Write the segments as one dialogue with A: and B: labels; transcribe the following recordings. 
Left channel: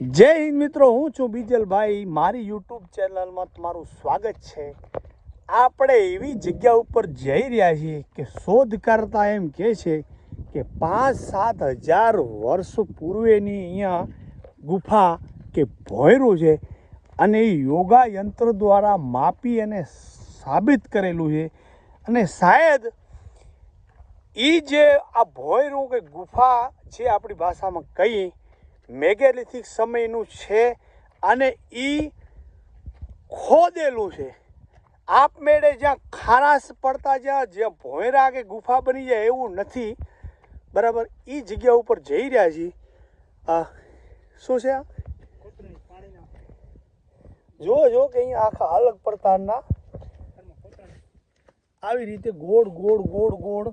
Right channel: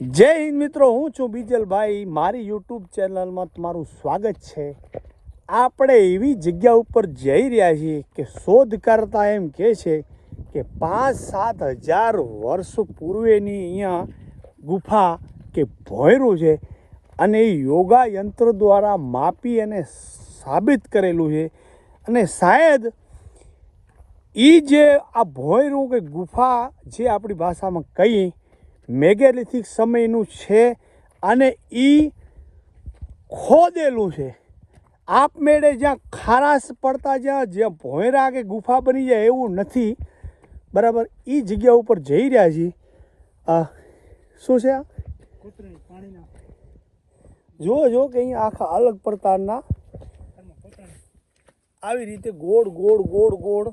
A: જય હિન્દ મિત્રો, હું છું બીજલભાઈ. મારી યુટ્યુબ ચેનલમાં તમારું સ્વાગત છે. આપણે એવી જગ્યા ઉપર જઈ રહ્યા છીએ કે શોધ કરતા એમ કહે છે કે પાંચ સાત હજાર વર્ષ પૂર્વેની અહીંયા ગુફા કે ભોયરું છે અને એ યોગા યંત્ર દ્વારા માપી અને સાબિત કરેલું છે. અને શાયદ એ જે આ ભોયરું કે ગુફા જે આપણી ભાષામાં કહી મેગેલિથિક સમયનું છે અને એ ખોદેલું છે. આપમેળે જ્યાં ખારાશ પડતા જ્યાં જ્યાં ભોંયરા કે ગુફા બની જાય એવું નથી. બરાબર એ જગ્યા ઉપર જઈ રહ્યા છીએ. શું છે આ? જુઓ જો કે અહીંયા આખા અલગ પ્રકારના આવી રીતે ગોળ ગોળ ગોળ ગોળ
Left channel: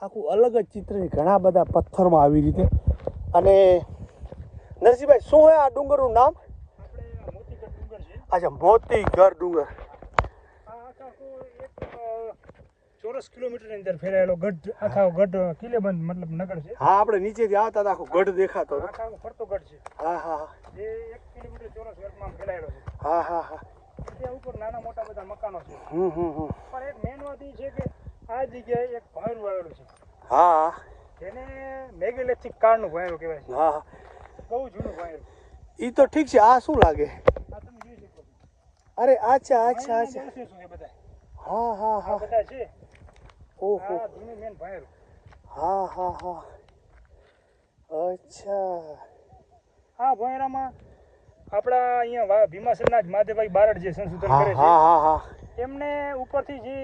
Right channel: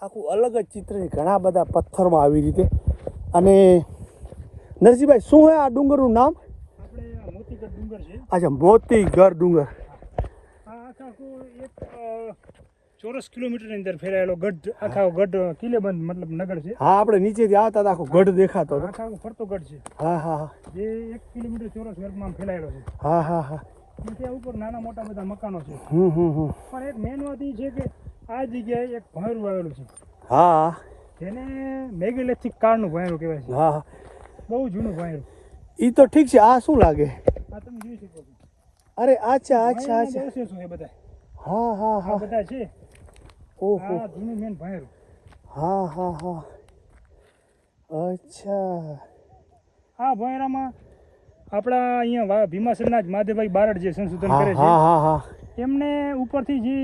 A: આખું અલગ જ ચિત્ર ઘણા બધા પથ્થરમાં આવી રીતે. અને નરસિંહભાઈ શું છે આ ડુંગરનું નામ?
B: આપણે આ મોતીગઢ ડુંગર
A: અચ્છા
B: ચોરસ કિલોમીટરની અંદર ફેરાયેલો ગઢ આખા ગઢ કિલ્લેબંધ મતલબ નગર છે.
A: હા આપણે નીચેથી આવતા હતા આખો ગઢ દેખાતો હતો.
B: આખા ફરતો ગઢ છે.
A: હા હા હા.
B: જે એક કિલોમીટર ચોરસ વર્ગમાં ફેલાયેલો છે.
A: હા હા હા.
B: ત્યાં ઉપર નાના મોટા બધા મકાનો છે.
A: હમ હમ હમ.
B: પણ એક મેન વાત એ છે કે આ જગ્યાએ એક ભોંયરું આવેલું છે.
A: હા
B: જેને મેગેલેથિક કાળનું ભોંયરું કહેવાય છે.
A: હા હા.
B: બહુ જૂનું ભોંયરું
A: એ તો ઠીક છે આ શું લાગે?
B: આ તમે જોઈ શકો છો.
A: અરે અચ્છા અચ્છા અચ્છા
B: શું છે બધા?
A: હા હા હા.
B: બધા છે?
A: ઓહો.
B: આ જૂનું મેન ભોંયરું
A: હા હા હા. અચ્છા.
B: આ ભોયરામાં આપણા અહીંયા ભીમાસરના જ માધેભાઈ બારડ જે સંશોધન કરે
A: હા
B: છે
A: હા હા.
B: એમને ઉપરથી જે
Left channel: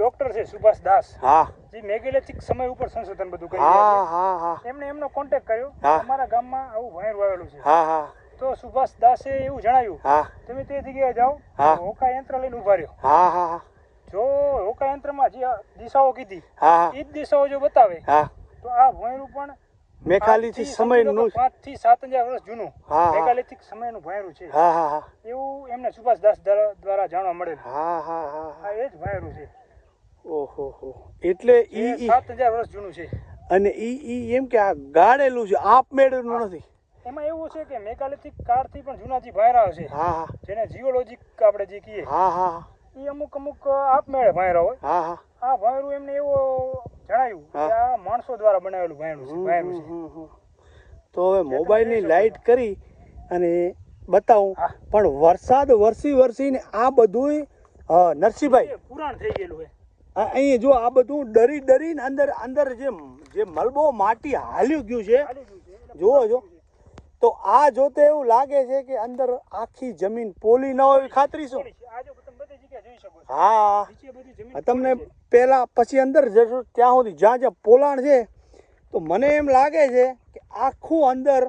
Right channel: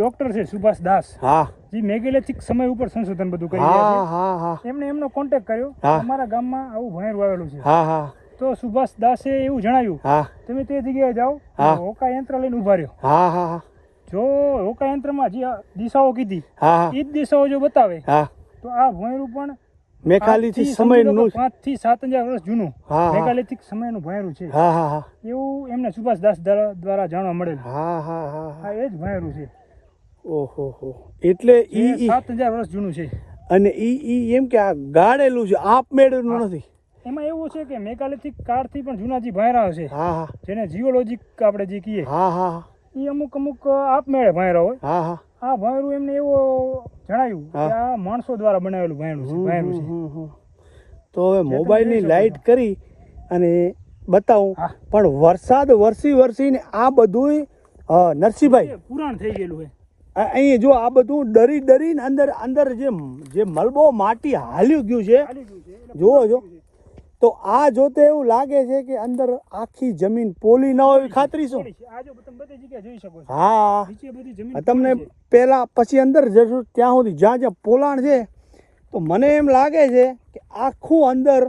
B: ડોક્ટર છે સુભાષ દાસ.
A: હા.
B: જે મેગેલેથિક સમય ઉપર સંશોધન બધું કરી
A: હા હા હા.
B: છે એમને એમનો કોન્ટેક્ટ કર્યો. અમારા ગામમાં આવું ભણેર આવેલું છે.
A: હા હા.
B: તો સુભાષ દાસે એવું જણાવ્યું
A: હા.
B: તમે તે જગ્યાએ જાઓ. હોકા યંત્ર લઈને ઊભા રહ્યો.
A: હા હા હા.
B: જો હોકા યંત્રમાં જે દિશાઓ કીધી
A: હા
B: એ જ દિશાઓ જો બતાવે
A: હા.
B: તો આ ભોંયરું પણ
A: મેઘાલીથી
B: આજથી સમજી લો
A: સમયનું
B: કે પાંચથી સાત હજાર વર્ષ જૂનું. મેગાલિથિક સમયનું ભોંયરું છે.
A: હા હા હા.
B: એવું એમને સુભાષ દાસ દ્વારા દ્વારા જાણવા મળેલ.
A: હા હા હા
B: એ જ ભોંયરું છે.
A: ઓહો હો. એટલે ઈ ઈ
B: સાત હજાર વર્ષ જૂનું છે.
A: અને ઈ ઈ એમ કે આ ગાળેલું છે આપમેળ નથી.
B: એમાં એવું છે કે મેગાલિથિક કાળથી પણ જૂના જે ભાયરા છે
A: હા હા.
B: જેને જીઓલોજીક આપણે જે કહીએ
A: હા હા
B: એ અમુક અમુક આપમેળે ભાયરા હોય.
A: હા હા.
B: આ ભાયરું એમને એવું જણાયું કે. આ માણસો દ્વારા બનાવેલું ભાયરું છે ભાયરું છે.
A: તો હવે મોબાઈલની લાઈટ કરી અને બતાવું પણ વરસાદ વરસી વરસીને આ બધું નરસિંહભાઈ.
B: પુરાણ થઈ ગયેલું હોય
A: અહીં જો આ બધું ડરી ડરીને અંદર અંદર જે જે મલબો માટી હાલ્યું ગયું છે જુઓ જો. તો આ જોતે એવું લાગે છે કે અંદર આખી જમીન પોલી ન હોય ખાતરી શું? હા. તમને પહેલા પછી અંદર જશો ત્યાં સુધી જ્યાં જ્યાં પોલાણ છે તો મને એમ લાગે છે કે આખું અંદર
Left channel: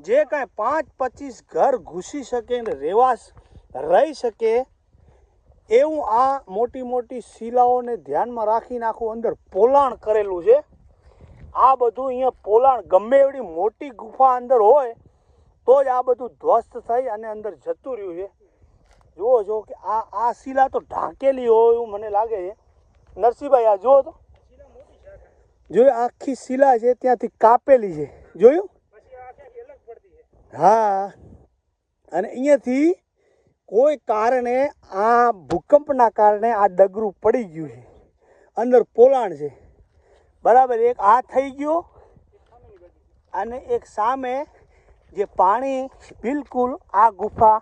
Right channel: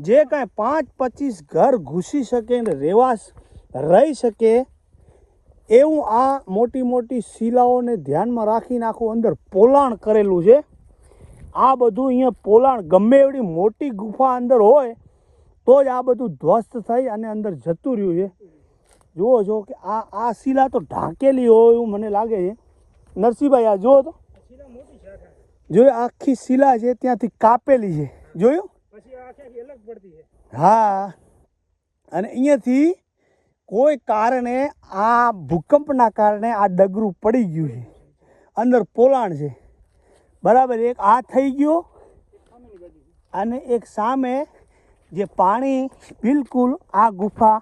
A: જે કાંઈ પાંચ પચીસ ઘર ઘૂસી શકે ને રહેવા રહી શકે એવું આ મોટી મોટી શિલાઓને ધ્યાનમાં રાખીને આખું અંદર પોલાણ કરેલું છે. આ બધું અહીંયા પોલાણ ગમે એવડી મોટી ગુફા અંદર હોય તો જ આ બધું ધ્વસ્ત થઈ અને અંદર જતું રહ્યું છે. જુઓ છો કે આ આ શિલા તો ઢાંકેલી હોય એવું મને લાગે છે. નરસિંહભાઈ આ જુઓ તો. જોયું આખી શિલા છે ત્યાંથી કાપેલી છે. જોયું? હા. અને અહીંયાથી કોઈ કારણે આ ભૂકંપના કારણે આ ડગરું પડી ગયું છે અંદર પોલાણ છે બરાબર, એક આ થઈ ગયો અને એક સામે જે પાણી બિલકુલ આ ગુફા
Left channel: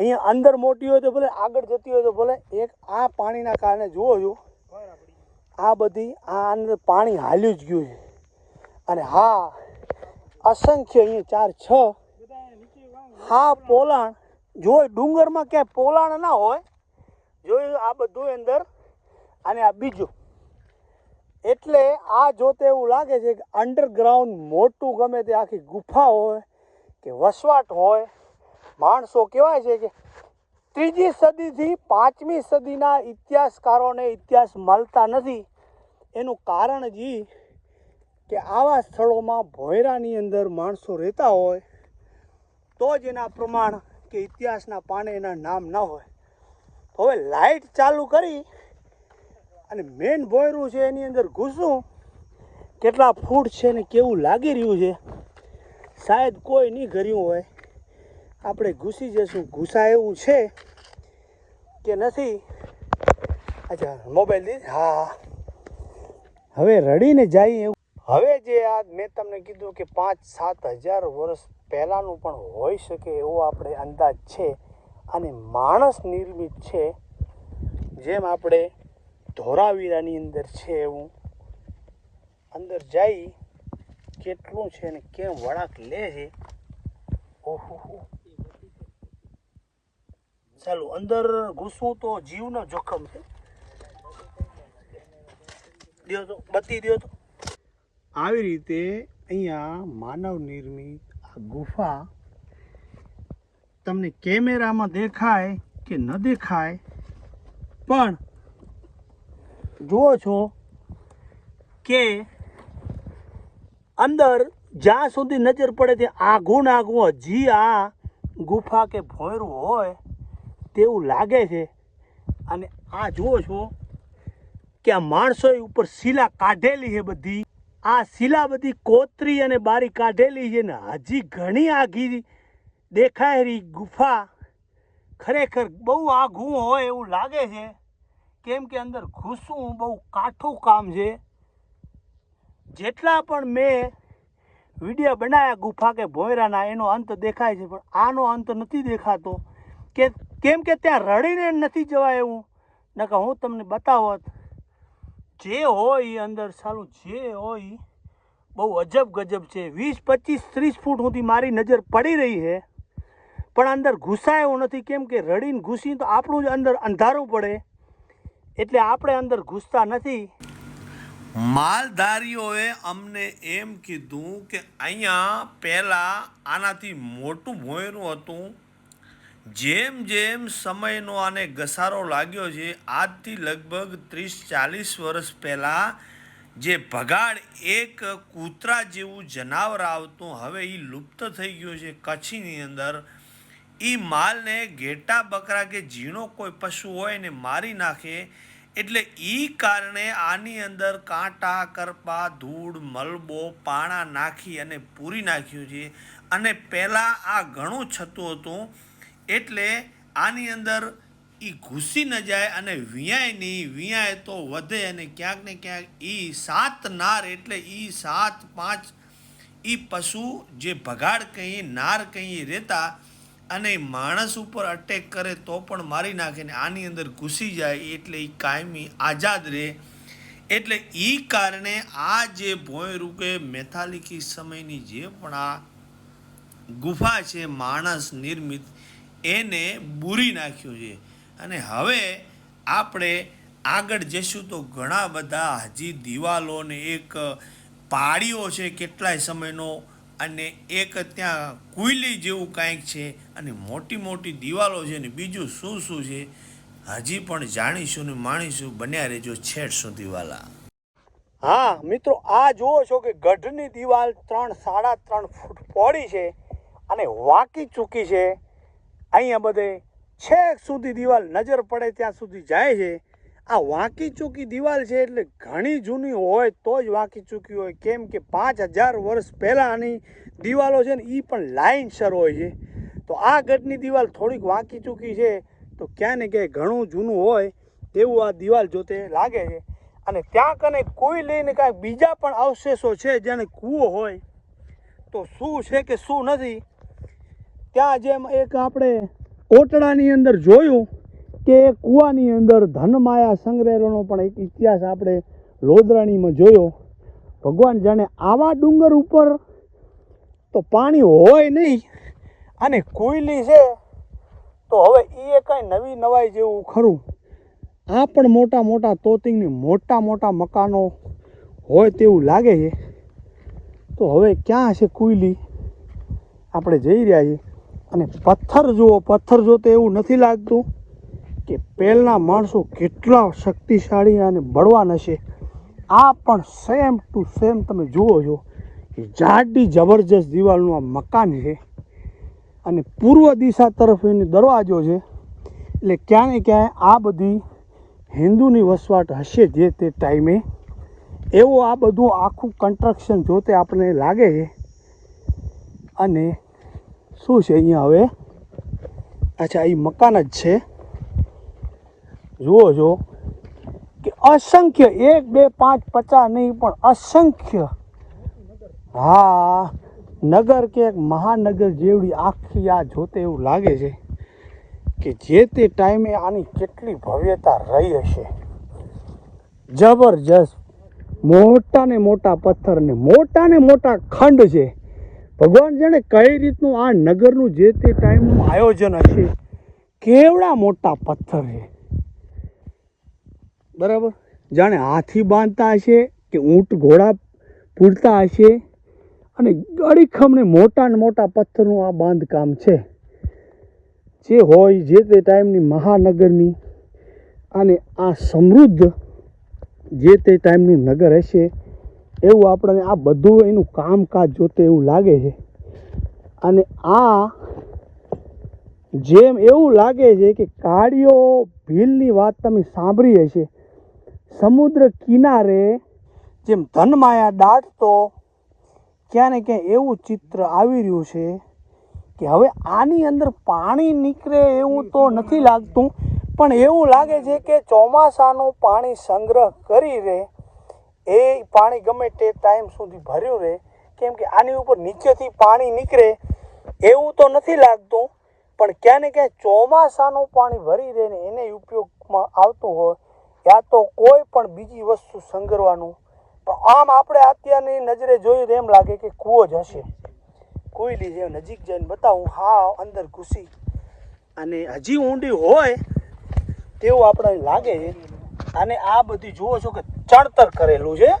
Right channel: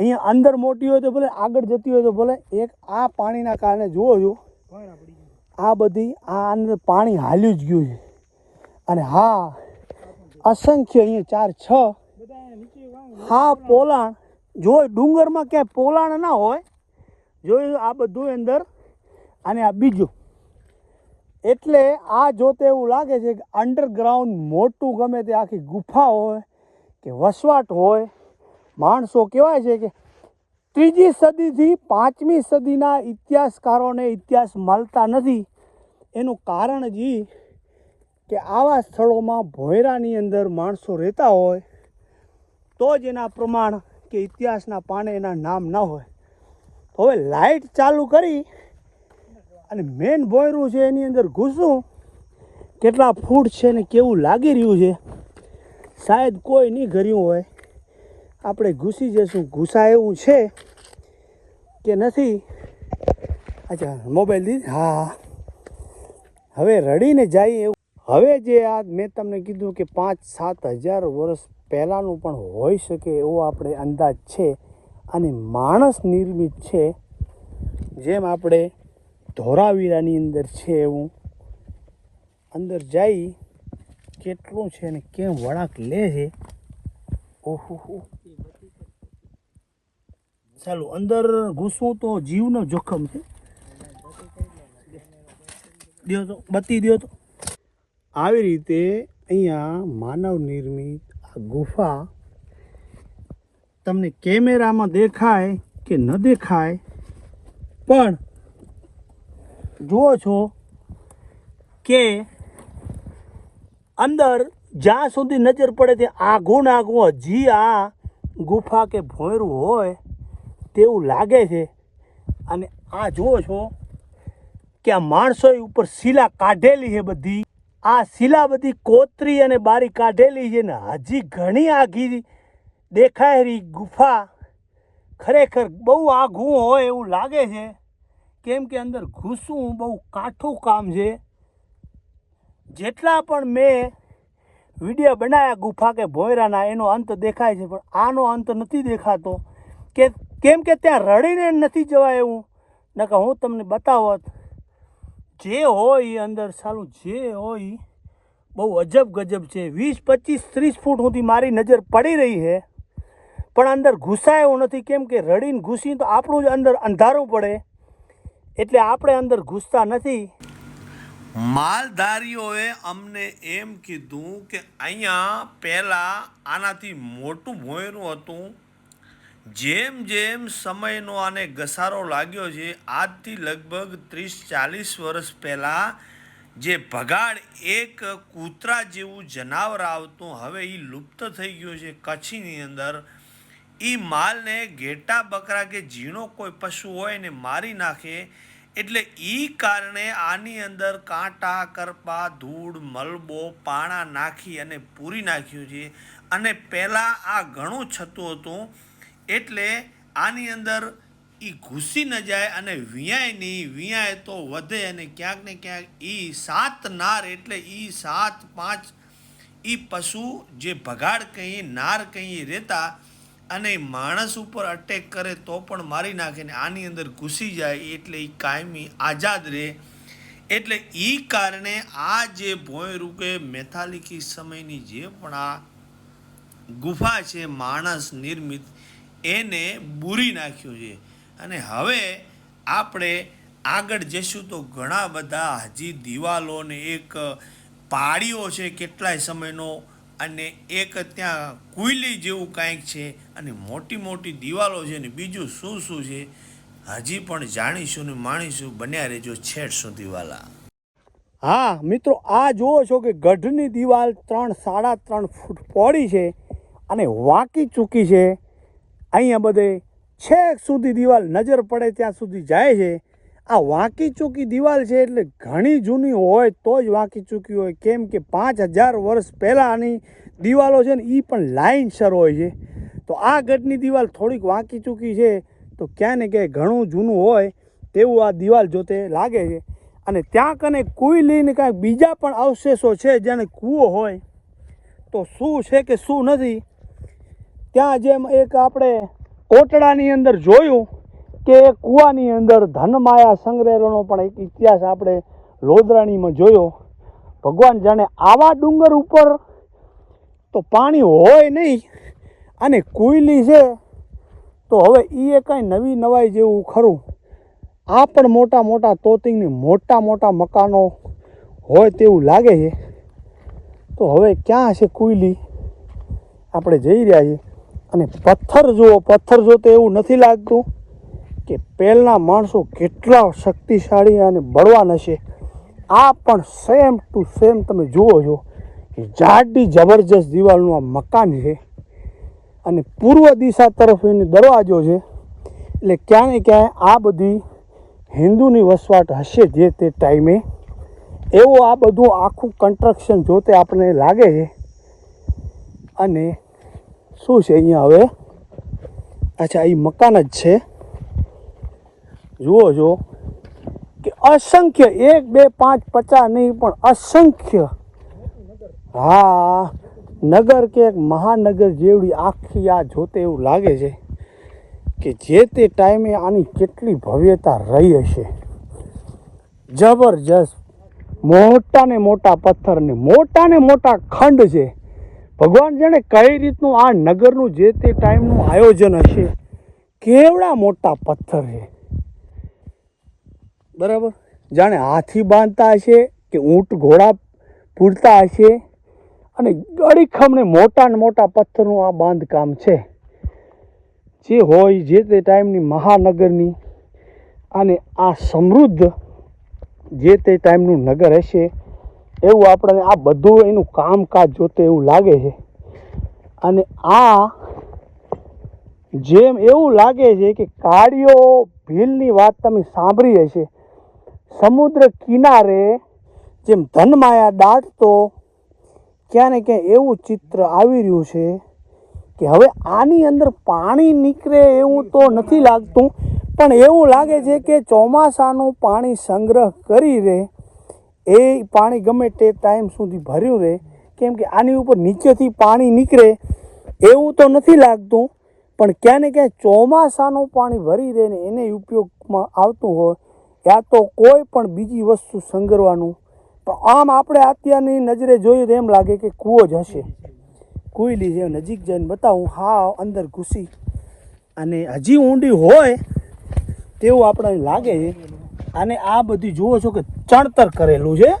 A: અહીંયા અંદર મોટી હોય તો ભલે, આગળ જતી હોય તો ભલે, એક આ પાણીના કારણે જુઓ છો. આ બધી આ અંદર પાણી હાલ્યું જ ગયું છે અને હા, અસંખ્ય અહીંયા ચાર છ, હા, પોલાણ જો ડુંગરમાં ક્યાંય પોલાણ ના હોય, જોયું આ બધું અંદર અને આ બીજું. એટલે આ જોતે એવું લાગે છે કે અંડરગ્રાઉન્ડ મોટું ગમે તે આખી ગુફા હોય કે વસવાટ હોય, માણસો કહેવાય છે કે ત્રીજી સદીથી પાંચમી સદીના ઇતિહાસકારોને ઇતિહાસ મળતા નથી. એનું કારણ જ કે આવા સ્થળોમાં ભોયરાની અંદર માણસો રહેતા હોય, તો જ એના પ્રમાણ કે ઇતિહાસના પાને એના નામ ન હોય. હવે લાઇટ ચાલુ કરી અને મેન બોયરું છે એની અંદર ઘૂસું. કેટલા ફૂટ છે ને કેવું લાગી રહ્યું છે. શાયદ કોઈ નહીં કર્યું હોય. આપણે ઘૂસી જઈશું. ઘૂસા એવું છે કે નથી. અચ્છા મોબાઈલ દીધી? હા. હવે રડીને જાય એવું. હવે જે આ મેં તમને કીધું કે પાંચ સાત હજાર વર્ષ પહેલાંનું પણ હોઈ શકે એવો આપણે અંદાજ છે અને માણસ નિર્મિત છે. જેમ આપણે ધોરાવીરાની અંદર છે એવું. અંદર જઈ કેટલું છે અને કેમ વળાંક લે છે? ઓહો ચાલો, અંદર ઘૂસવું તો જીવનો જોખમ છે. દ્યો તો બતી દો તો. આવી રીતે અહીંયા માનવ નિર્મિત ગુફા તમને કેમેરામાં દેખાય કે ન દેખાય, પણ જુઓ છો કે અંદર જ્યાં સુધી નજર પડે ત્યાં આઘું ને આઘું હજી આ ગુફા કે ભોંયરું હોય તેવું લાગે છે. અને આ જુઓ છો કે આ માણસો ઉપર શિલા કાઢેલી છે બધી. આ શિલા બધી કોતરી અને બારી કાઢેલી છે ને હજી ઘણી આઘી દેખાય રહી ગુફા. ખરેખર બહુ આઘું હોય એવું લાગે છે. કેમ કે અંદર ઘૂસવું બહુ કાઠું કામ છે. જેટલા પણ મેં વીડિયો બનાવ્યા ગુફા કે ભોયરાના, એનો અંત દેખાય છે, પણ આનો અંત નથી દેખાતો. કે, કેમ કે ત્યાં રડીને નથી જવાય એવું. નકર હું તમને બતાવત જે હોય અંદર સાલું જે હોય બહુ અજબ ગજબ છે. વીસ, પચીસ, ત્રીસ ફૂટ સુધી મારી નજર પડી રહી છે. પણ અંદર ઘૂસાય નથી. કેમ કે રડીને ઘૂસી તો આપણું જ અંદર અંધારું પડે. એટલે આપણે અંદર ઘૂસતા નથી.
C: માલધારીઓએ અમને એમ કીધું કે અહીંયા પહેલાં આનાથી મોટું ભોયરું હતું જેમ જેમ સમયનો આને ઘસારો લાગ્યો છે, આજથી લગભગ ત્રીસ ચાલીસ વર્ષ પહેલાં જે ભગાડ એક કૂતરા જેવું જનાવર આવતું, હવે એ લુપ્ત થઈ ગયું છે કચ્છની અંદર. એ માલને ઘેટા બકરા કે ઝીણો કોઈ પશુ હોય ને મારી નાખે, એટલે એ કારણે આની અંદર કાંટા, કરપા, ધૂળ, મલબો, પાણા નાખી અને પૂરી નાખ્યું છે. અને પહેલાં આ ઘણું છતું હતું એટલે આની અંદર એ ઘૂસી ન જાય અને વિયાય નહીં વિયાય તો વધે અને ક્યાંક ને ક્યાંક એ સાત નાર એટલે એ સાત પાંચ એ પશુ જે ભગાડ કહીએ નાર કહીએ રહેતા અને માણસ ઉપર અટેક કરે તો પણ મારી નાખે ને આની અંદર ઘૂસી જાય એટલે એ કાયમી આઝાદ રહે એટલે એ કારણે આ જે ભોંય રૂપે મેથાલિકી સમયની જે પણ આ ગુફા છે, માણસ નિર્મિત એને બૂરી નાખ્યું છે. અને હવે આપણે આગળ જઈશું તો ઘણા બધા હજી દિવાલોને એક પાળીઓ છે કેટલાય સમયનો અને એક ત્યાં કુઈલી જેવું કાંઈક છે અને મોટી મોટી દિવાલો છે ને બીજું શું શું છે હજી પણ જાણીશું ને માણીશું બન્યા રહેજો છેડ સુધી વાલા.
A: હા, મિત્રો, આ જુઓ છો કે ગઢની દિવાલ ત્રણ, સાડા ત્રણ ફૂટ પહોળી છે અને વાંકી ચૂકી છે. અહીંયા બધે છેક સુધી દિવાલ નજર પડે ત્યાં સુધી જાય છે. આ વાંકી ચૂકી દિવાલ છે એટલે ઘણી જૂની હોય તો જ વાંકી ચૂકી હોય. કેમ કે પાંચ હજાર વર્ષ પહેલાંની દિવાલો છે ને એ પણ લાઇનસર હોય છે. તો આ ગઢની દિવાલ થોડીક વાંકી ચૂકી છે. તો ક્યાં ને ક્યાંય ઘણું જૂનું હોય તેવું આ દિવાલ જોતે લાગે છે. અને ત્યાં કને કોઈ લઈને કાંઈક બીજા પણ અવશેષો છે જેને કૂવો હોય. તો શું છે કે શું નથી? ત્યાં જેમ એક આપણે કોટડાની અંદર જોયું કે એ કૂવાની અંદર ધનમાયા સંગ્રહેલોનો પણ એક ઇતિહાસ આપણે લોદરાણીમાં જોયો. ભગવાન જાણે આવા ડુંગર ઉપર તો પાણી હોય નહીં અને કોયલી છે, તો હવે એ કાંઈ નવી નવાઈ જેવું ખરું. આ પણ મોટા મોટા તોતિંગની મોટા મોટા મકાનો હોય તેવું લાગે છે. તો હવે ક્યાં છે કોયલી? આપણે જઈ રહ્યા છીએ. અને પથ્થર જુઓ, પથ્થર જોતે એવું નથી લાગતું કે પહેલાંના માણસો કેટલા શક્તિશાળી અને બળવાન હશે. આ પણ સેમ ટુ સેમ તમે જુઓ છો કે જાડી જબરજસ્ત દિવાલનું આ મકાન છે અને પૂર્વ દિશા તરફ એનો દરવાજો છે. એટલે ક્યાંય ક્યાંય આ બધી હિન્દુની વસવાટ હશે જે તે ટાઈમે. એવું આ બધું આખું કન્સ્ટ્રક્શન જોતે આપણને લાગે છે. અને શું છે અહીંયા હવે? અચ્છા એ મકાન જ છે. જુઓ જો કે અસંખ્ય, એક, બે, પાંચ, પચાસ નહીં, પણ અસંખ્ય. હા, નગર કે મહાનગર જેવડી આખી આ જોતે એવું લાગે છે કે જે તે ટાઈમે આની કેટલી ભવ્યતા રહી હશે. જબરજસ્ત. મોટા ને મોટા પથ્થર ને મોટા ને મોટા ખંડ છે. ભગવાન જાણે કઈ રીતનું આ નગરનું જે તે ટાઈમનું આયોજન હશે, કેવડા મોટા પથ્થર છે? બરાબર? જાણે હાથી બાંધતા હશે કે ઊંટ ઘોડા પૂરતા હશે? અને અડીખમને મોટા ને મોટા પથ્થરનું આ બાંધકામ છે. જે હોય જે તે ટાઈમની મહાનગરની, અને આ સમૃદ્ધ જે તે ટાઈમનું નગર હશે એવું આપણને આ બધું એનું કામકાજ જોતે એવું લાગે છે. અને આ જેમ એવું લાગે છે કે કાળીઓ ભીલની વાત તમે સાંભળી હશે. સમુદ્ર કિનારે જેમ ધનમાયા દાટતો, ક્યાં ને ક્યાં એવું ચિત્ર આવી રહ્યું છે કે હવે આની અંદર પાણી નીકળે એવું તો નથી લાગતું, પણ એવું લાગે છે કે ચોમાસાનું પાણી સંગ્રહ કરી રહે એ પાણી ગમે તે ટાઈમ સુધી ભર્યું રહે. કેમ કે આની ઉપર નીચેથી પાણી નીકળે એવું તો નથી લાગતું, પણ ક્યાં ને ક્યાં ચોમાસાનું પાણી ભરી રહે ને એને ઉપયોગમાં આવતું હોય, યા તો કોઈ પણ બીજી વસ્તુ સંગરવાનું. પણ આમ આપણે અત્યારની નજરે જોઈએ તો એમ લાગે કે કૂવો જ હશે. કોયલી જે નજીક જઈને બતાવું હા અંદર ઘૂસી. અને હજી ઊંડી હોય તેવું આપણને લાગે. અને આ બધી જુઓ છો કે ચણતર કરેલું છે.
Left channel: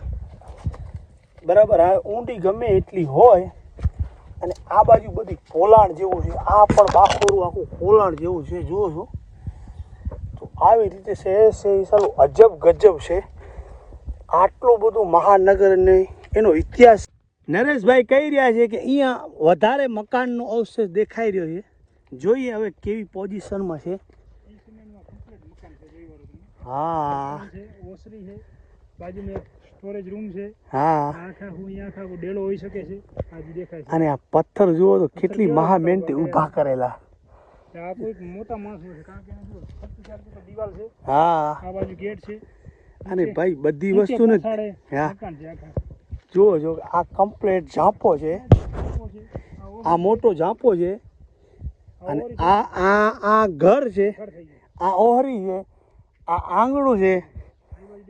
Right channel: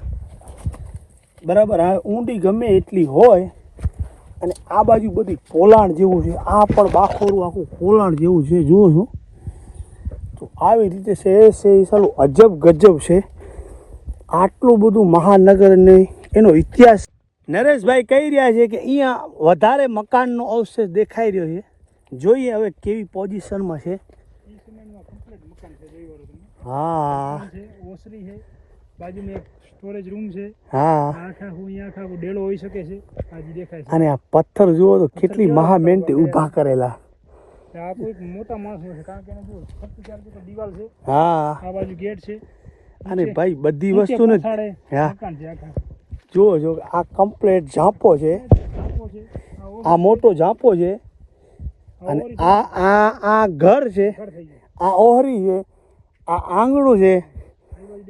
A: બરાબર? હવે ઊંડી ગમે એટલી હોય અને આ બાજુ બધી પોલાણ જેવું છે. આ પણ બાખોરું આખું પોલાણ જેવું છે, જુઓ છો. તો આવી રીતે છે છે એ સારું અજબ ગજબ છે. આટલું બધું મહાનગર ને એનો ઇતિહાસ. નરેશભાઈ કહી રહ્યા છે કે અહીંયા વધારે મકાનનો અવશેષ દેખાઈ રહ્યો છે. જોઈએ હવે કેવી પોઝિશનમાં છે
B: એ સમયનું કમ્પ્લીટ મકાન છે જોઈ
A: હા.
B: ઓસરી છે બાજુમાં એક સ્ટોરેજ રૂમ છે.
A: હા.
B: આખા હું અહીંયા આખા ડેલો હોઈ શકે છે આજે દેખાય છે.
A: અને આ પથ્થર જુઓ તો કેટલી મહા મહેનતે ઊભા કરેલા.
B: આ કોઈક મોટા માણસો છે કારણ કે એને જો ફરતી ચાલતી તો દીવાલ છે.
A: હા.
B: આ બાજુ ગેટ છે.
A: અને ભાઈ બધી વસ્તુને હા. જુઓ જો આ કમ્પ્લેટ ઝાંપો છે.
B: આ
A: મોટો ઝાંપો છે. અને આ આ આ ઘર છે. આ ઓહરી છે. આ આંગણું છે.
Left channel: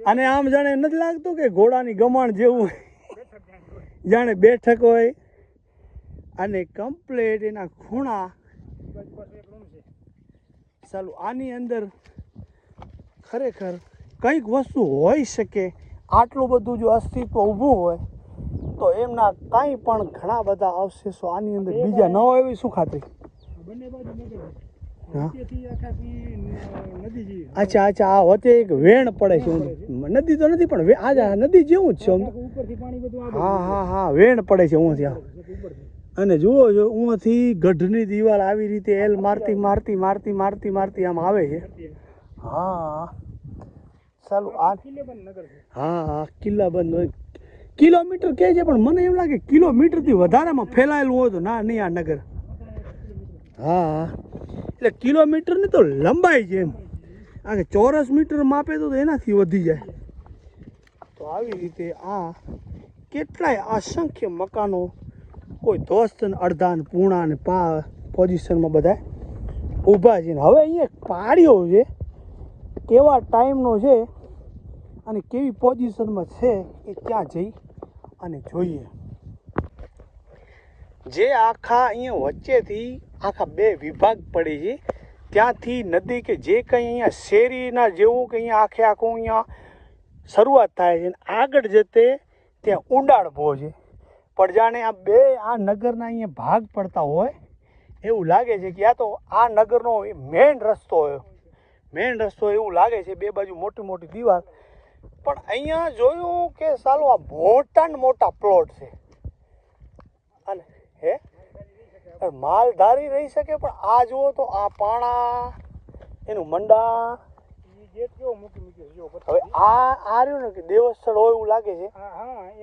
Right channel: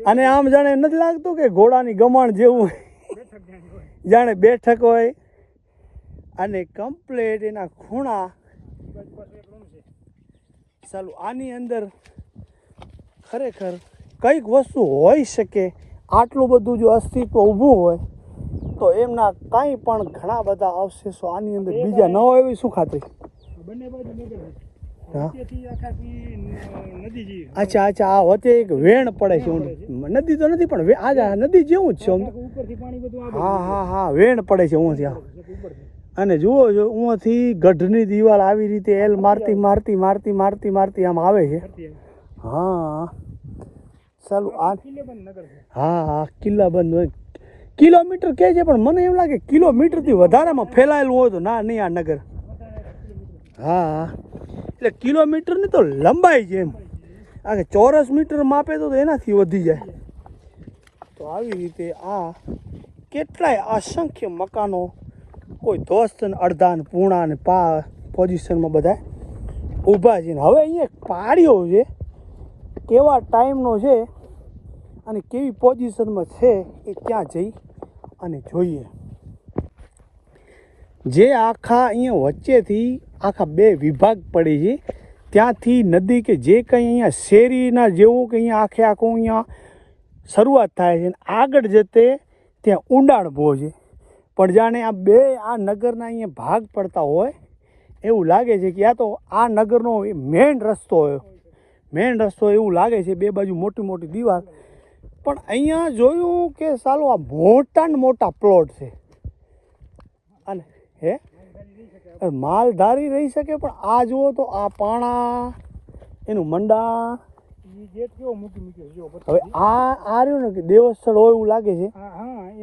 A: અને આમ જાણે નથી લાગતું કે ઘોડાની ગમાણ જેવું જાણે બેઠક હોય. અને કમ્પ્લેટ એના ખૂણા. ચાલો, આની અંદર ખરેખર કંઈક વસ્તુ હોઈ શકે. આટલું બધું જો અસ્તિત્વ ઊભું હોય, તો એમના કાંઈ પણ ઘણા બધા અવશેષો આની અંદર બીજા ન હોય એવી શું ખાતરી?
B: બંને બાજુ
A: અચ્છા અચ્છા આ વચ્ચે એક વેણ પડે છે નદી તો નથી પણ આ નદી જેવું જ છે હા હા હા વેણ પડે છે હું ત્યાં. અને જુઓ જો ઉંથી ગઢની દિવાલ આવી રીતે એલ મારતી મારતી મારતી મારતી મારતી આમ આવે છે. હા. ચાલુ આ હા હા કિલ્લા બંધ હોય. કિલોમીટર કહે છે પણ મને એમ લાગે કિલોમીટરથી વધારેમાં ફેલાયેલું હોય તો ના નહીં આ નગર. હા. એટલે કિલોમીટરની તો લંબાઈ છે એમ. આ કે ચોરસ મીટર માપે તો એનાથી વધી જાય. તો આવી રીતે આ કેટલાય અસંખ્ય મકાનો, કોઈ દોસ્ત ને અડધા ને પૂણા ને પા પોઝિશનમાં બધા ઊભા છે ને. હવે અહીંયા પાડ્યો છે. કેવા ટાઈમનો છે અને કેવી પોઝિશનમાં છે એ ક્યાં જઈ અને જોઈએ. જે આખા અહીંયા વચ્ચેથી આખા બે વિભાગ પડે છે. ત્યાંથી નદી કે જે કંઈ અહીંયા શેરીના જેવું કે અહીંયા આખે આખું અહીંયા શરૂઆત થાય છે આગળ જતે ત્યાં ઊંડાણ ભો છે. પણ જાણે આ બે આ નગરના અહીંયા ભાગ પડતા હોય, એવું લાગે છે કે આ તો આ નગરનો મેઇન રસ્તો હોય. મેઇન રસ્તો એવું લાગે છે બે બાજુ મોટી મોટી દીવાલ. પણ અહીંયા જોયું કે સાલું આ મોટા મોટા પ્લોટ છે. અને હે? માલધારી રહી શકે પણ આ જુઓ તો આ પાણા એનું મંડા. હવે આ આ રહ્યું ને કે દેવસ્થળ હોય એવું લાગે છે.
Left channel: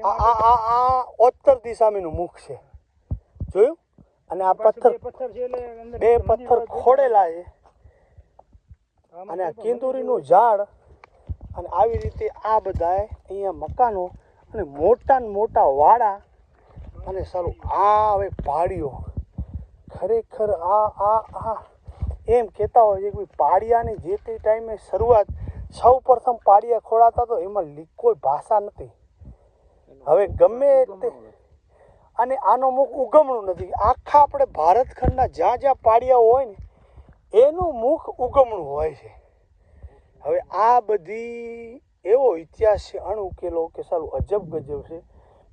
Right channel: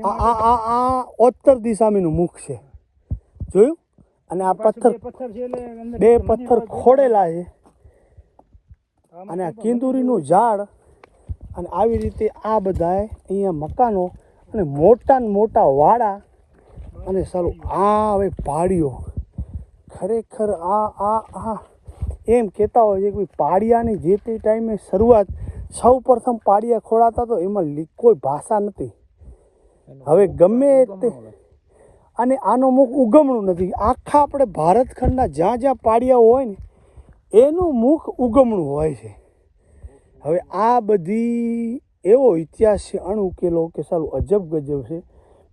B: આ
A: આ આ ઉત્તર દિશામીનું મુખ છે. જોયું? અને આ પથ્થર
B: બે પથ્થર
A: ખોડેલા છે. અને આ કિંદુરીનું ઝાડ અને આવી રીતે આ બધાય અહીંયા મકાનો અને મોટા ને મોટા વાડા અને સારું, આ હવે પાડીઓ ખરેખર આ આ આ. એમ કહેતા હોય છે કે પાડિયાની જે તે ટાઈમે શરૂઆત, સૌ પ્રથમ પાડિયા ખોડાતા તો એમાં કોઈ ભાષા નથી. હવે ગમે તે અને આનું મુખ ઉગમણું નથી. આખા આપણે ભારત ખંડના જ્યાં જ્યાં પાડિયા હોય ને, એનું મુખ ઉગમણું હોય છે. હવે આ બધી એવો ઇતિહાસ છે અણઉકેલો કે સારું અજબ ગજબ છે.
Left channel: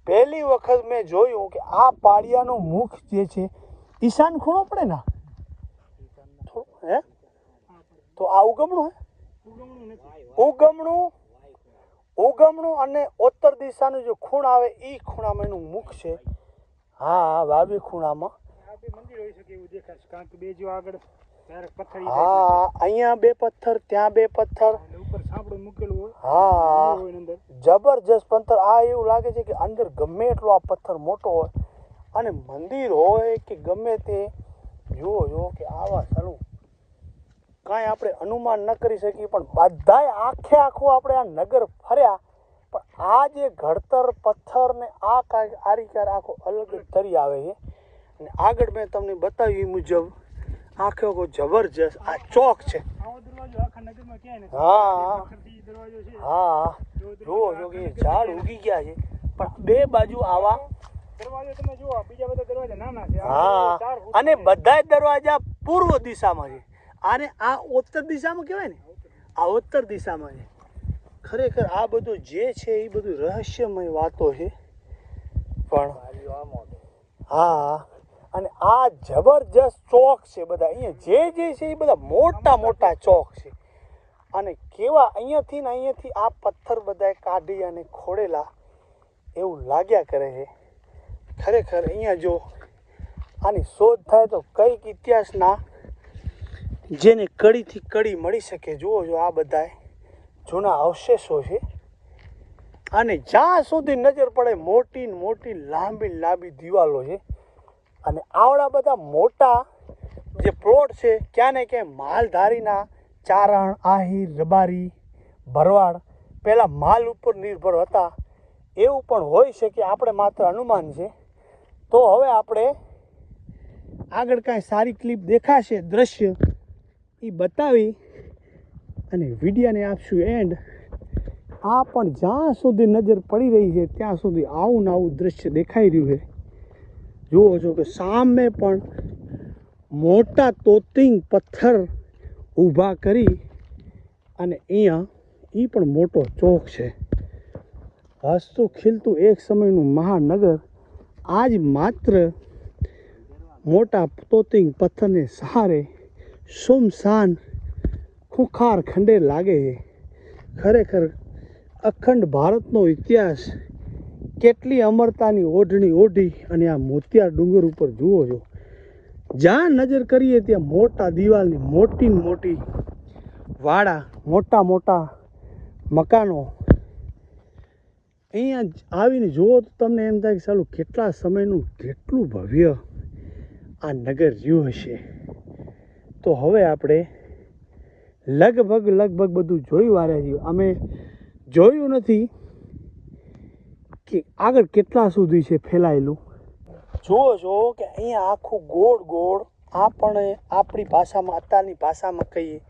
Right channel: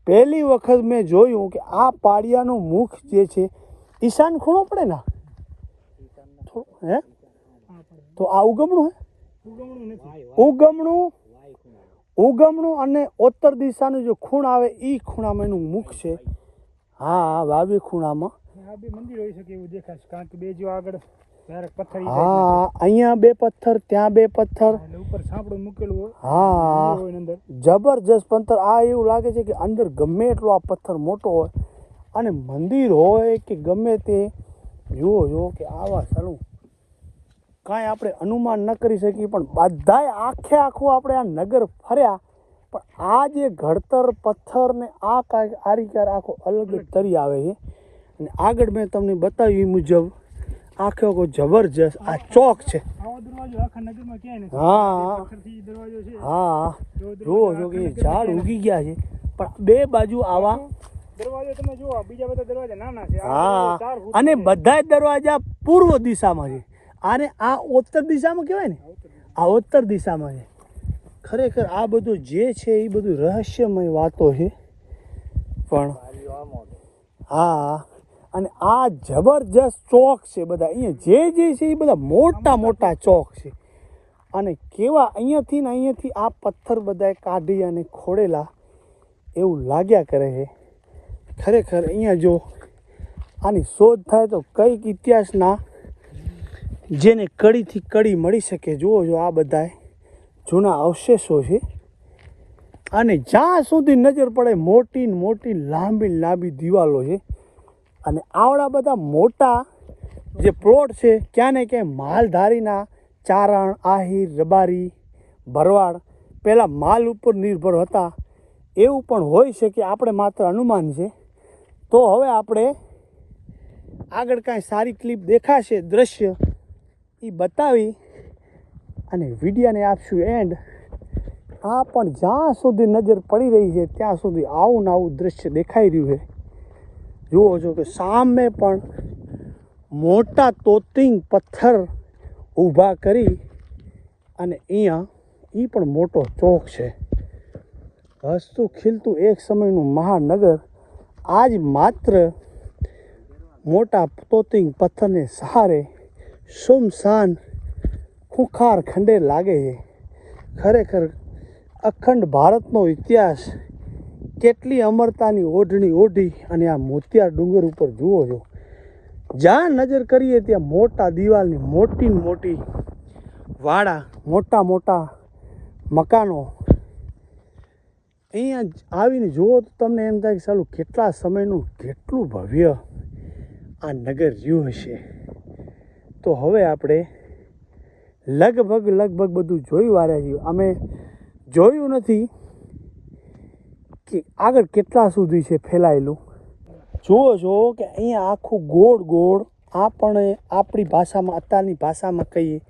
A: પહેલી વખત મેં જોયું કે આ પાડિયાનું મુખ જે છે, ઈશાન ખૂણો પડે ને? હે? તો આ ઉગમણું, હે?
B: ઉગમણું
A: ઉગમણું અને ઉત્તર દિશાનું જે ખૂણ આવે એ ખૂણામાં એનું મુખ છે. હા વાવી ખૂણામાં.
B: આ બે મંદિર હોઈ શકે એવું દેખાય કારણ કે બે જો આગળ
A: હા અહીંયા બે પથ્થર ત્યાં બે પથ્થર.
B: ઉપર સાંપડું મૂકેલું હોય
A: હા. જબરજસ્ત પથ્થર આ એવું લાગે છે કે અંદર ગમે એટલો આ પથ્થર મોટો હોય. અને મંદિર હોય કે ગમે તે જુઓ જુઓ કે આવા ચાલુ કાંઈ આપણે અનુમાન ન કરી શકીએ પણ બધાય આખે આખું આપણે આ નગર ફર્યા. પણ આ જે ઘડતર પથ્થર ને આ કાંઈક આરીકાર આખો અલગ જ તરી આવે છે. અને આગળ મેં તમને બતાવ્યું એ મુજબ આખો આખો જબરજસ્ત આ ચોક છે.
B: આવો દરવાજો આખા નગરમાં ક્યાંય નથી.
A: હા.
B: બે દરવાજો છે.
A: હા. જુઓ જો કે ઝાડ ઉગી ગયા છે. પણ બે બાજુ આવા
B: દરવાજો તમે જુઓ બીજા બધા દરવાજા નાના છે.
A: હા. અને
B: બધા
A: બધાય દરવાજા પૂર્વ દિશામાં છે. અને આ ઉત્તર દિશામાં કહેવાય ને? આ ઉત્તર દિશામાં છે. ખરેખર આ બધું જે છે એ બધું રહસ્યમય વાતો છે. પણ હા. અને આ જબરજસ્ત ચોક છે બધા. અહીંયા જે જે છે એ બધા મોટા મોટા ચોક છે. અને કેવા અહીંયાથી ને અહીંયાથી આ પથ્થર બધાય કાઢી અને ખોડેલા એવું લાગ્યા કરે છે. ખરેખર અહીંયા જો આની શોધ થાય તો કંઈક ઇતિહાસના જેને કડીથી કડી મળી શકે, જુઓ જો આ બધા જૂના અવશેષો છે. અને જ્યાં સુધી નજર પડે મોટી ને મોટી લાંબી લાંબી દિવાલો છે. અને આવડા બધા મોટા જે પ્લોટ છે, ક્યાં ને ક્યાંય માલધારીના ચારણ, આહિર, રબારી, ભરવાડ, પહેલાં માલ ઉપર નિર્ભર હતા. એવું પણ હોઈ શકે આપણે માત્ર અનુમાન છે. તો હવે આપણે આગળ કાંઈ સારી ક્લિપ દેખાશે, દ્રશ્ય એ બતાવી અને વિડીયાને આપશું એન્ડ આ પણ જ્યાં સુધી નજર પડી રહી છે, ત્યાં સુધી આવું ને આવું દ્રશ્ય દેખાઈ રહ્યું છે. જુઓ છો કે સામે પણ મોટા તોતિંગ પથ્થર ઊભા કરી અને અહીંયા એ પણ મોટો ચોક છે. હસતું ખીલતું એક સમયનું મહાનગર આજ માત્ર મોટા તોતિંગ પથ્થરને સહારે સુમસાન ખુખાર ખંડે લાગે છે. ખરેખર અખંડ ભારતનો ઇતિહાસ કેટલી અમરતાની ઓઢણી ઓઢી અને આ મોતિયાર ડુંગર ઉપર જુઓ છો. જ્યાં નજર કરીએ ત્યાં મોટા દિવાલની મોટી મોટી વાડા, મોટા મોટા મકાનો. અહીંયા આવીને જુઓ તો તમને એમ થાય કે સાલું કેટલા સમયનું કેટલું ભવ્ય આ નગર રહ્યું હશે. તો હવે આપણે લગભગ લગભગ બધું જોયું વાર્યા છીએ અમે જોયું નથી કે આગળ કેટલા સુધી છે ફેલાયેલું? જુઓ છો કે અહીંયા આખું ગોળ ગોળ આપણે આપણી ભાષામાં, અત્યારની ભાષામાં કહીએ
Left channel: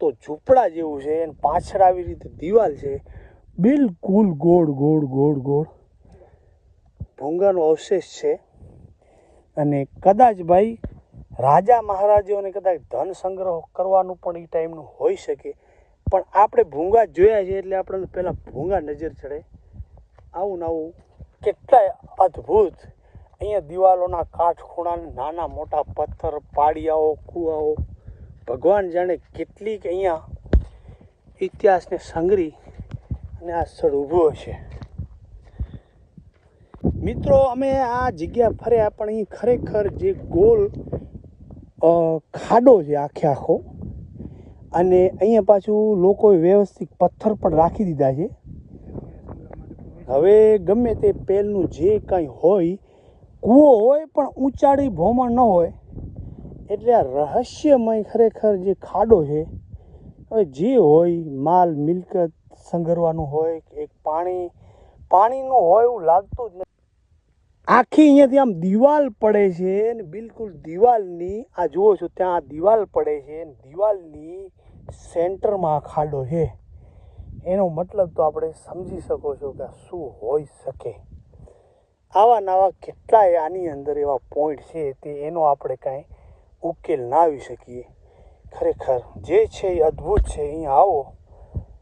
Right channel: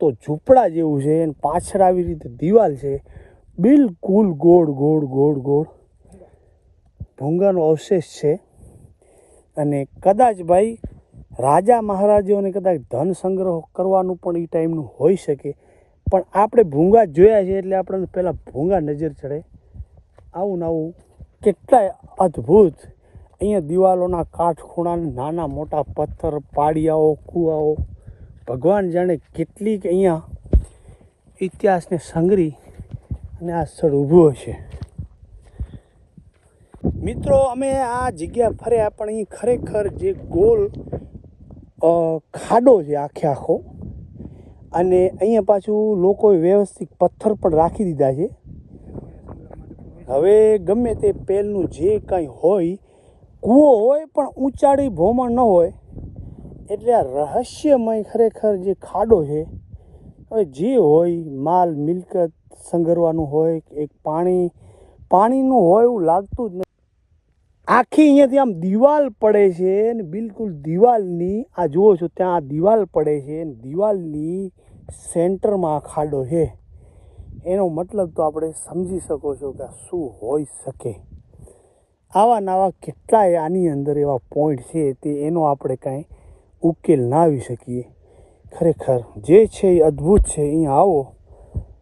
A: તો ઝૂંપડા જેવું છે અને પાછળ આવી રીતે દિવાલ છે. બિલકુલ ગોળ ગોળ ગોળ ગોળ. ભૂંગાનો અવશેષ છે. અને કદાચ ભાઈ રાજા મહારાજાઓને કદાચ ધન સંગ્રહ કરવાનું પણ એ ટાઈમનું હોઈ શકે. પણ આપણે ભૂંગા જોયા છે એટલે આપણને પહેલાં ભૂંગા નજર ચડે. આવું આવું કેટલાય અદ્ભુત. અહીંયા દિવાલોના કાટખૂણાને નાના મોટા પથ્થર, પાડિયાઓ, કૂવાઓ. ભગવાન જાણે કેટલીક અહીંયા ઇતિહાસને સંગ્રહી અને આ સ્થળ ઊભું હશે. મિત્રો, અમે આ જગ્યા ફર્યા પણ અહીં ખરેખર જે ગોલ ખાડો છે આખે આખો, અને અહીંયા પાછું લોકોએ વ્યવસ્થિત પથ્થર પણ રાખી દીધા છે. હવે ગમે તે પહેલનું જે કાંઈ હોય, કૂવો હોય પણ ઊંચાડી ભોમણ ન હોય, એટલે આ રહસ્યમય ખરેખર જે ખાડો છે, હવે જે હોય, માલ મિલકત સંઘરવાનું હોય, એક પાણી પાણીનું હોય એવું લાગતું જ નથી આખી અહીંયાથી આમ દિવાલ પડે છે ને બિલકુલ દિવાલની, આ જુઓ છો ત્યાં આ દિવાલ પડે છે ને દિવાલની સેન્ટરમાં ખાડો છે. એનો મતલબ તો આપણે સમજી શકો છો કે શું હોઈ શકે. આવા નવા કેટલાય આની અંદર એવા પોઈન્ટ છે તે એનો આપણે કાંઈ ઉકેલ ના આવી શકીએ. ખરેખર જે છે એ અદ્ભુત છે અહીંયા આવો.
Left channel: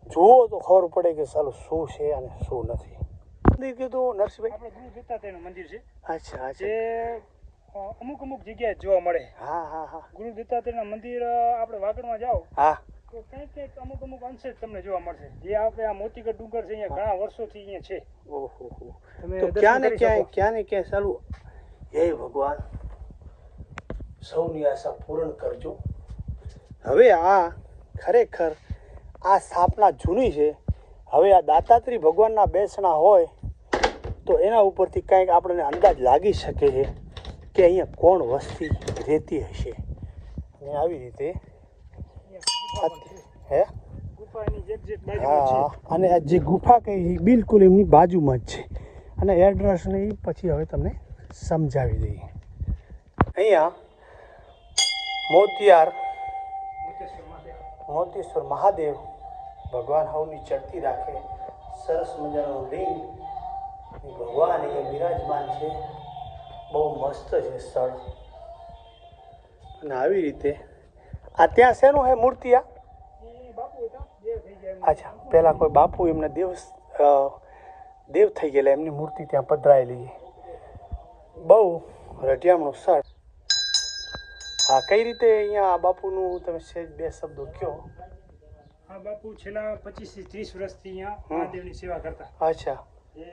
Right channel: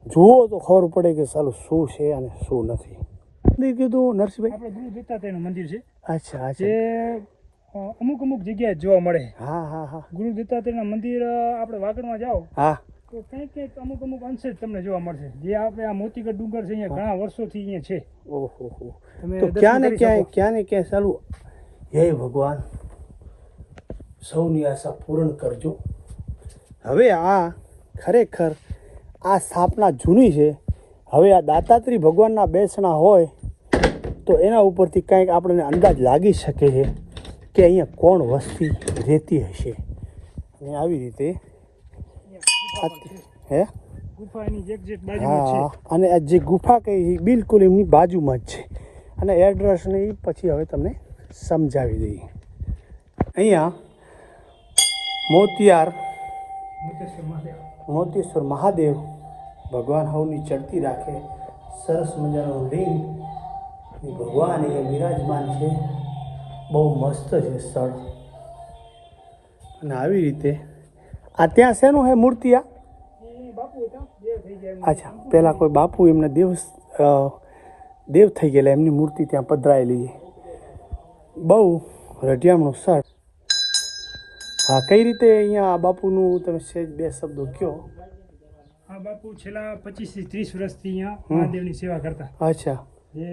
A: જુઓ તો ખબર પડે કે સારું શું છે અને શું નથી. મંદિર કીધું નરસિંહભાઈ
B: આપણે ગુરુ દત્તાત્રેયનું મંદિર છે.
A: અચ્છા
B: જે અમુક અમુક જગ્યાએ જોવા મળે.
A: હા હા હા.
B: ગુરુ દત્તાત્રેયના મંદિર આપણે વાગડમાં જાઓ.
A: હા.
B: તો કંઈક કંઈક અમુક અમુક અંશે તમને જોવા મળશે. જે આપણે આ મોતીગઢ ડુંગર છે અહીંયા ઘણા વર્ષોથી અહીંયા છે.
A: ઓહો તો ક્યાં ને ક્યાંય ક્યાં ને ક્યાંય ચાલુ? હે ભગવાન સૌની આશા પૂર્ણ કરજો. હવે આ ખરેખર આ સ્થાપના જૂની છે. હવે આ દાતાત્રી ભગવાનના બેસણા હોય તો એના ઉપરથી કાંઈક આપણને અંદાજ લાગી શકે છે કે અહીંયા કોણ વસ્તી રહેતી હશે. અને આવી રીતે હે? હા અને આ જે ગુફા છે, બિલકુલ એમની બાજુમાં જ છે. અને એડ્રેસ ને પછી હવે તમને સમજાવી દઈએ. અહીંયા મોતિયાર
B: મોતેશ્વર મહાદેવ
A: મોતીશ્વર મહાદેવ ભગવાન હવની ચડતી રાખે સરસ મજાનો લિંગ. ભગવાન એ બિરાજમાન છે. બહુ મસ્ત છે સ્થળ. અને આવી રીતે. આ ત્યાં શેનું હે મૂર્તિ આ
B: એ બાપુ હતા બે થઈ ગયા એમ.
A: અચ્છા પહેલાં કોઈ બાપુ એમને દેવ દેવ થઈ ગયેલા એમની મૂર્તિ ત્યાં પધરાયેલી છે. બહુ રઢિયામણું સ્થળ. કઈ રીતે અહીંયા આ બાપુનું તમે સહેજ બે શબ્દો કહો
B: આ બાપુ છેલ્લા પચીસથી ત્રીસ વર્ષથી અહીંયા. મહાદેવની સેવા કરતા.
A: અચ્છા.
B: એ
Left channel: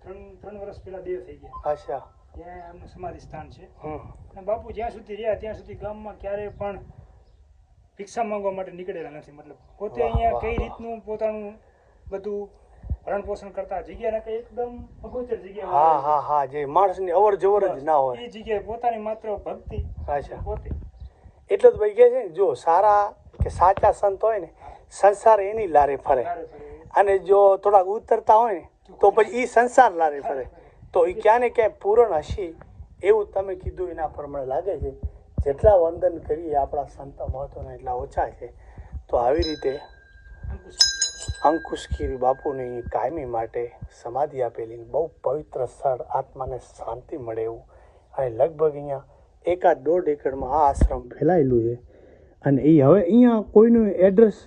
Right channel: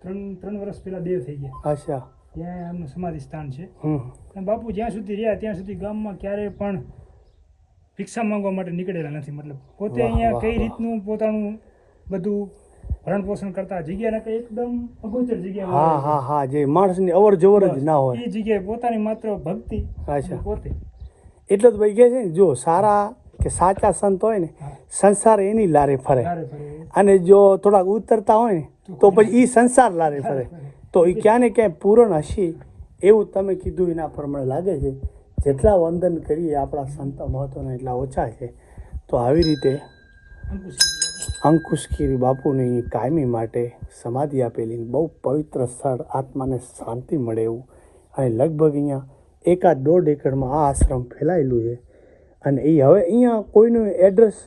B: ત્રણ ત્રણ વર્ષ પહેલા દેવ થઈ ગયા.
A: અચ્છા.
B: ત્યાં એમનું સમાધિ સ્થાન છે. બાપુ જ્યાં સુધી રહ્યા ત્યાં સુધી ગામમાં ક્યારેય પણ ભિક્ષા માંગવા માટે નીકળેલા નથી. મતલબ પોતે અહીંયા કઈ રીતનું પોતાનું બધું ભરણ પોષણ કરતા જગ્યા ના એકદમ અગોચર જગ્યા
A: હા હા હા જે માણસની અવર જવર જ ના હોય.
B: એ જગ્યાએ પોતાની માત્ર ભક્તિ
A: અચ્છા.
B: પોતે.
A: એટલે જ ભાઈ કહે છે જો સારા કે સાચા સંત હોય ને સંસાર એની લારે ફરે.
B: ફરે.
A: અને જો થોડાક ઉતરતા હોય ને તો પછી એ સંસાર લારે ફરે. તો એ ક્યાં ને ક્યાંય પૂરણ હશે એવું તમે કીધું એના પ્રમાણે લાગે છે. જેટલા વંદન કરીએ આપણા સંત મહત્વના એટલા ઓછા છે. તો આવી રીતે
B: અંકુશ
A: અંકુશગીરી બાપુને અહીં કાયમી માટે સમાધિ આપેલી બહુ પવિત્ર સ્થળ આત્માને શાંતિ મળે એવું. અને લગભગ અહીંયા એકાદ દોઢ એકરમાં આ આશ્રમ ફેલાયેલું છે. અને એ હવે અહીંયા કોઈનું એડ્રેસ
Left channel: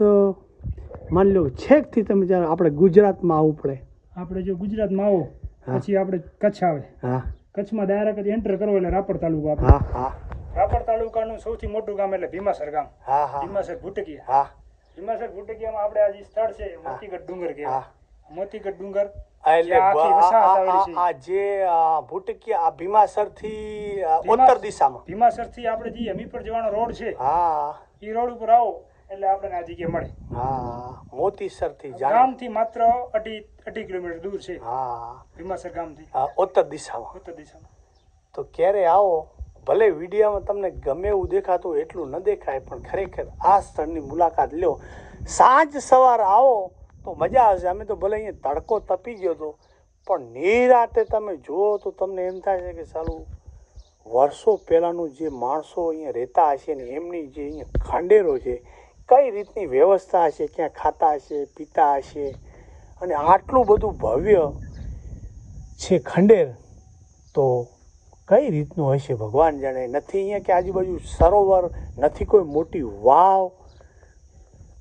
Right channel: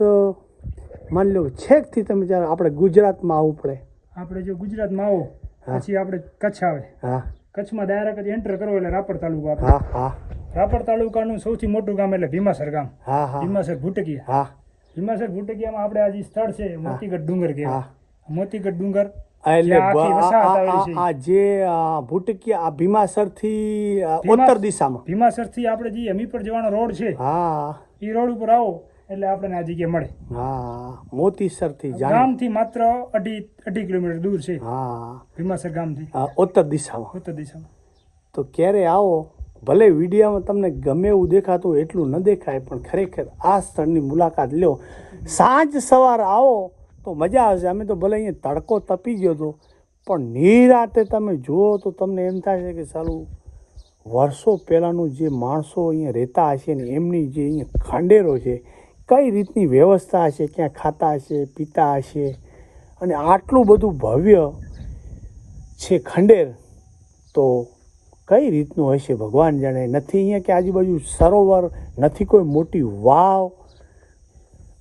A: માની લો છેકથી તમે જ્યારે આપણે ગુજરાતમાં આવવું પડે.
B: આપણે જો ગુજરાતમાં આવો. પછી આપણે કચ્છ આવે.
A: હા.
B: કચ્છમાં ડાયરેક્ટ એન્ટર કરવો એટલે રાપર તાલુકો આપણે.
A: હા હા.
B: રાપર તાલુકાનું સૌથી મોટું ગામ એટલે ભીમાસર ગામ.
A: હા હા.
B: ભીમાસર ભૂટકીયા.
A: હા.
B: ભીમાસર ભૂટકીયામાં આપણે આજે સ્થળ છે મોતીગઢ ડુંગર
A: હા.
B: મોતીગઢ ડુંગર
A: જે આ ભૂટકીયા આ ભીમાસરથી આ
B: ભીમા-
A: ઉત્તર દિશામાં.
B: ભીમાસરથી આપણે જે હમીરપર જવાનો રોડ છે
A: હા.
B: એ રોડ ઉપર આવો એટલે આપણને આ જગ્યા મળે.
A: હા. મોતીસરથી જાણે.
B: ગામથી માત્ર અઢી અઢી કિલોમીટર દૂર છે.
A: હા.
B: ભીમાસર
A: ઉત્તર દિશામાં.
B: ઉત્તર દિશામાં.
A: તો ક્યારે આવો? ભલે વિડીયામાં તમને ગમે એવું દેખાતું એટલું ન દેખાય, પણ ખરેખર આ સ્થળની મુલાકાત લો સાંજ સવાર આવો તો મજા આવશે. અમે તો ભલે અહીંયા તડકો તપી ગયો હતો, પણ નિરાતે તમે જુઓ તો તમને એમ થાય છે કે સાલું વર્ષો પહેલાંનું જે માણસો અહીંયા રહેતા હશે ને એમની જે અહીંયા ખંડેરો છે, કઈ રીતની વ્યવસ્થા હશે, ક્યાં ખાતા હશે, પીતા હશે, અને આટલું બધું ભવ્ય છે ખંડેર, તો કઈ રીતનું હશે ભગવાન જાણે? નથી અહીંયા કે આજુબાજુ સરોવર, નથી કોઈ મોટી વાવ.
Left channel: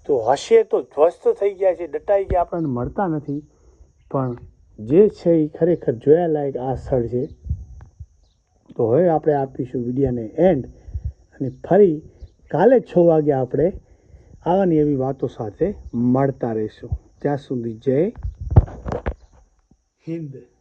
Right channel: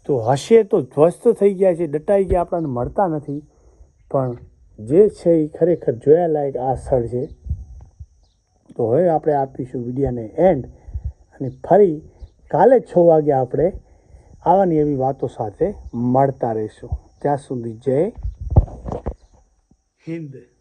A: તો હશે તો ધ્વસ્ત થઈ ગયા છે દટાઈ ગયા, આપણને મળતા નથી. પણ જે છે એ ખરેખર જોયાલાયક આ સ્થળ છે. તો હવે આપણે આપીશું વિડીયાને એન્ડ અને ફરી કાલે છ વાગે આપણે આવાની એવી વાતો સાથે મળતા રહીશું. ત્યાં સુધી જય હિન્દ.